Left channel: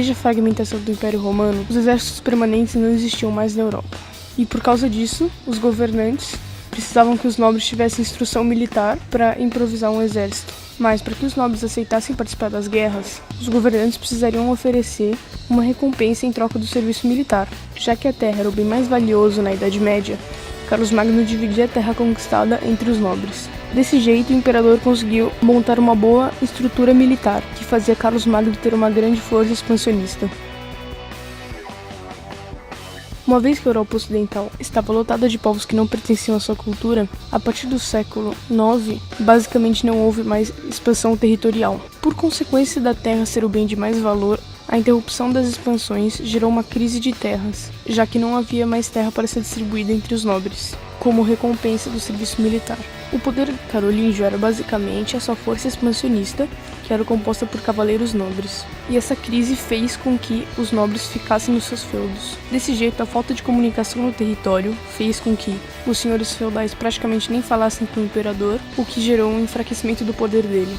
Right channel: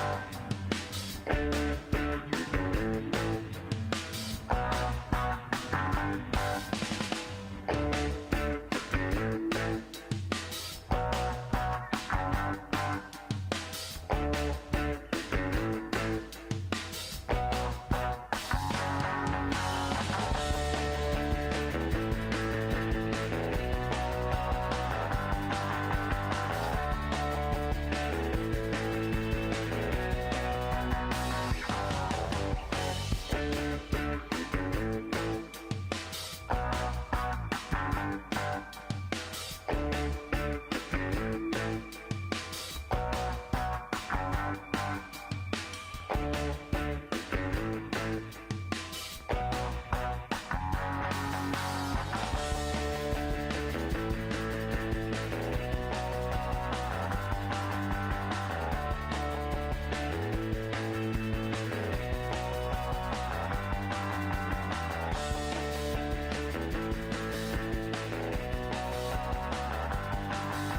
Desde a fragmentação do Império Romano, os exércitos permanentes não existiam mais na Europa. E por causa disso, os governantes precisavam que os nobres tivessem instrução militar para improvisar um exército. Mas para que os nobres aceitassem participar das guerras, os governantes precisariam oferecer uma recompensa em troca do serviço militar. Já que a terra era o bem mais valioso na Idade Média, Carlos Magno dividia a terra conquistada entre os nobres. Desse jeito, o imperador conseguiu montar uma boa estrutura militar, que fazia Carlos Magno ter uma grande força expansionista. Uma vez que a Europa Ocidental estava lotada de povos que não pertenciam à sua cultura, a partir do século IX, basicamente não houve mais expansão territorial. Por consequência da terra ser o bem de mais valor, a interrupção das expansões gerou uma crise de terras, já que não havia mais terra para ser distribuída entre os nobres, como recompensa do serviço militar. O poder carolíngio era basicamente a sua força expansionista, que era composta por cavaleiros nobres. E essa crise fez com que os nobres ficassem nos seus feudos. Desse jeito, a falta de comunicação no território fez com que os senhores feudais praticamente nem falassem com o imperador, o que gerou um enfraquecimento do poder dele.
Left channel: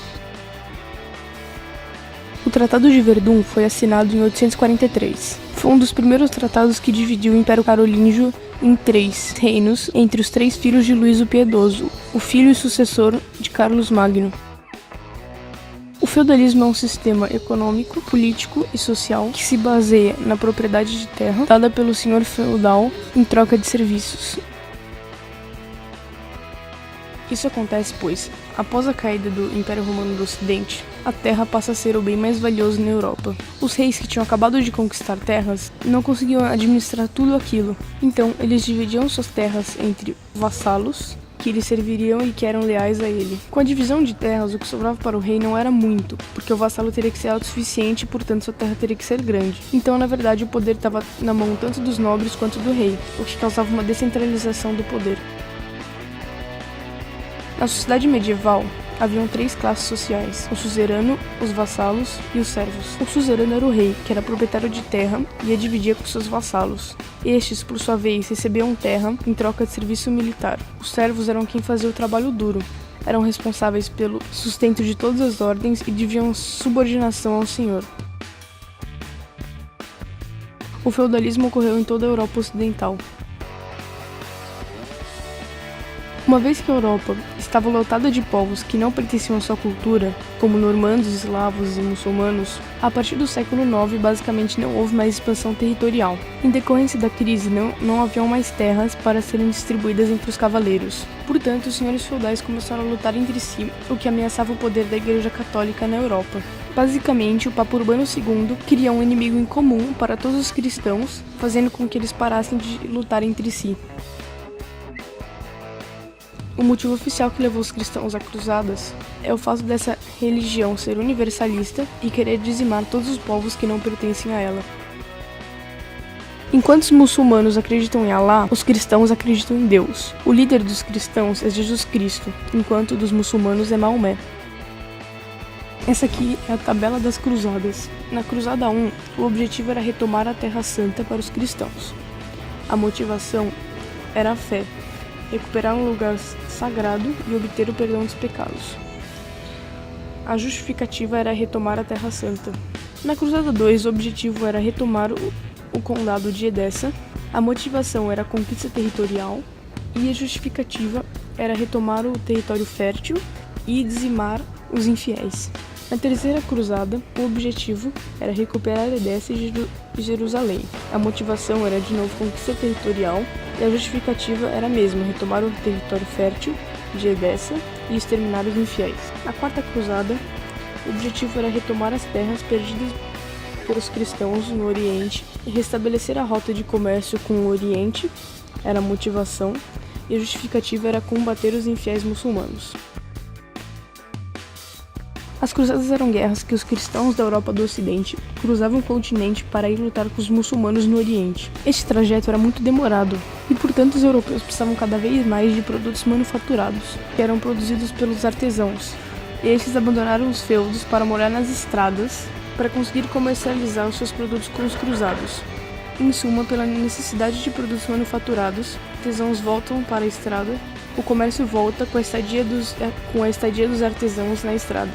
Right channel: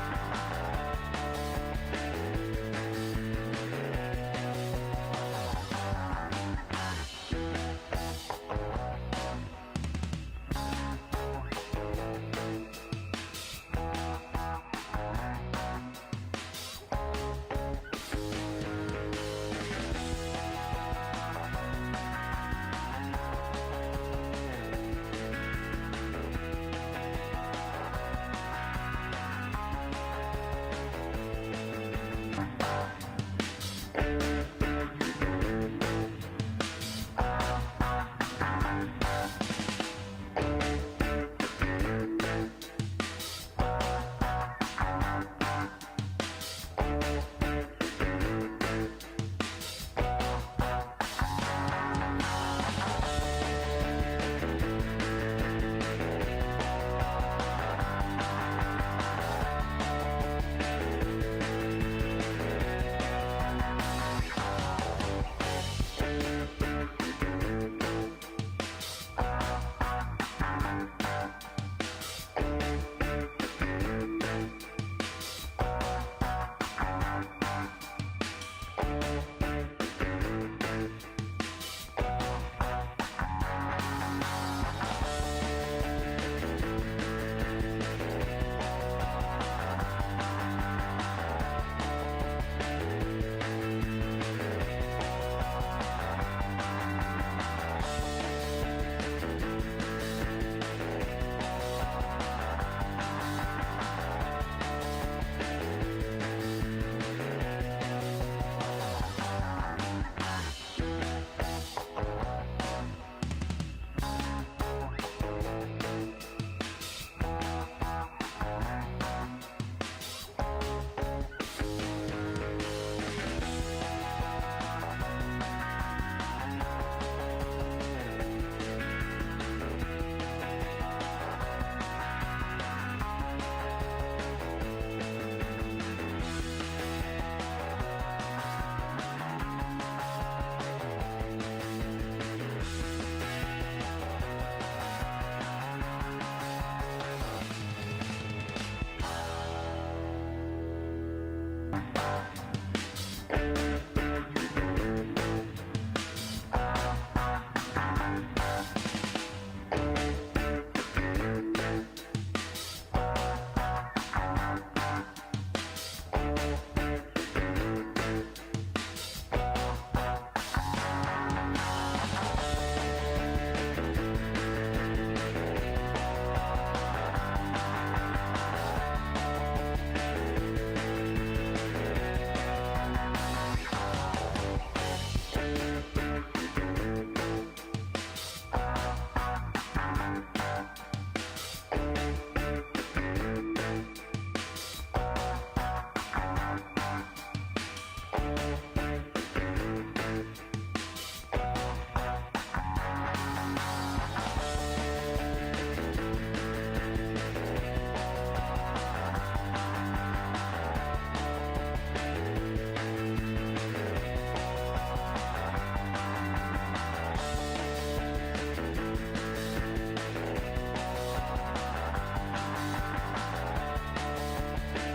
O Tratado de Verdun foi assinado em 843. Foi um dos primeiros tratados que dividiu o Império Carolíngio em 3 reinos entre os 3 filhos de Luís o Piedoso, o filho e sucessor de Carlos Magno. O feudalismo é um sistema econômico, político e social que se baseia na propriedade de terra dada pelo senhor feudal em troca de serviços. Isso acontece pois, após a caída do Império Romano do Ocidente, a terra passa a ser o bem mais valioso na Europa. Os reis que tinham acabado de conquistar terras não conseguiam administrar tudo aquilo, então eles dividiam suas terras entre vassalos, que lhe serviriam e que eram leais a ele. Com a divisão de terras, o que sobrava para o rei não era muito, porque o vassalo teria que ser autossuficiente e, portanto, sua terra teria que ser grande. Então, na verdade, o poder estava na mão tanto dos nobres quanto do rei, o que causava uma descentralização do poder. Na sociedade medieval, haviam 3 classes sociais: o suzerano, os vassalos e os servos. O suzerano era o rei, que era proprietário de terra e a dividia com seus vassalos. Estes, por sua vez, recebiam terra em troca de serviço militar. Os servos eram quem fazia o trabalho duro, eram responsáveis pelo sustento de todas as ordens e deviam subordinação ao senhor. O feudalismo ocorreu em toda a Europa Ocidental. Uma vez que a Europa estava lotada de povos que não pertenciam à sua cultura, como normandos, eslavos e muçulmanos, a partir do século IX basicamente não houve mais expansão territorial. Em decorrência da crise, não haviam mais terras para serem distribuídas entre os cavaleiros. Portanto, os senhores feudais começaram a lutar entre si, o que ameaçava o poder da Igreja Católica na Europa. Basicamente, o Papa Urbano II cria um inimigo em comum para todos os cristãos, fazendo com que eles parassem de lutar entre si. O motivo oficial que levou os cristãos a cruzadas é o fato dessa religião ser universalista e querer dizimar todos os povos que não pertencem a ela. Enquanto os muçulmanos acreditam em Alá, os cristãos acreditam em Deus. O líder dos cristãos é Jesus Cristo, enquanto o dos muçulmanos é Maomé. Essa aqui é a tabela das cruzadas. Na cruzada 1, o objetivo era retomar a Terra Santa para os cristãos. A motivação era a fé, recuperar um lugar sagrado e obter o perdão dos pecados. A justificativa era retomar a Terra Santa. Na Cruzada 2, o objetivo era retomar o condado de Edessa, a motivação era a conquista territorial e a justificativa era retomar o território fértil e dizimar os infiéis. Na terceira cruzada, o objetivo era recuperar Edessa e Jerusalém. A motivação era de novo conquista territorial e a justificativa era a mesma, retomar o território fértil de Edessa e exterminar os infiéis. Na quarta cruzada, o objetivo era retomar as terras perdidas pelos cristãos no Oriente e restabelecer a rota de comércio com o Oriente, era a motivação, e a justificativa era combater os infiéis muçulmanos. As cruzadas eram guerras que os cristãos da Europa do Ocidente cruzavam o continente para ir lutar com os muçulmanos no Oriente. Este trajeto era muito demorado e, portanto, os europeus precisavam cada vez mais de produtos manufaturados, que eram produzidos pelos artesãos. E estes abandonaram os feudos para morar nas estradas para conseguir comercializar os seus produtos com os cruzados. Em suma, pela necessidade de produtos manufaturados, artesãos voltam para a estrada, o comércio volta com a estadia dos artesãos na estrada.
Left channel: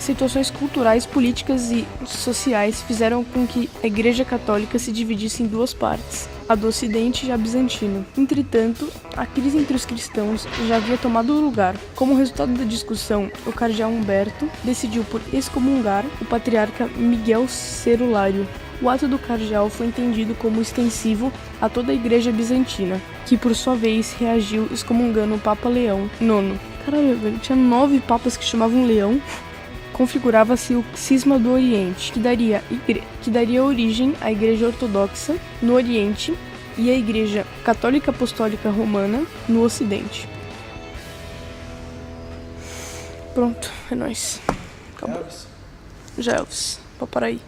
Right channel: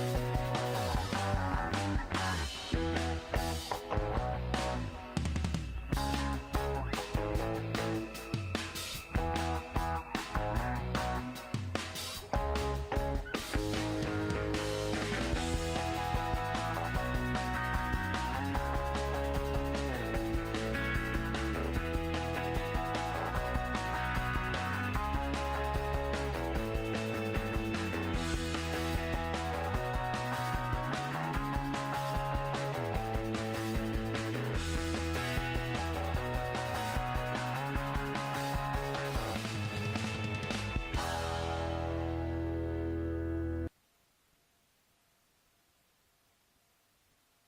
Situações culturais, políticas e sociais fizeram com que a Igreja Católica se dividisse em duas partes, a do Ocidente e a bizantina. Entretanto, a crise entre os cristãos já havia tomado lugar. Como resultado da discussão, o cardeal Humberto decidiu por excomungar o patriarca Miguel Cerulário. O ato do cardeal foi entendido como extensivo a toda a Igreja bizantina, que por sua vez reagiu excomungando o Papa Leão IX. Caralho, velho, tinha 9 papas que chamavam Leão. Configurava-se o cisma do Oriente, que daria origem à Igreja Ortodoxa no Oriente e à Igreja Católica Apostólica Romana no Ocidente. Pronto, é nóis. Acabou. Já, Elvis. Pode parar aí.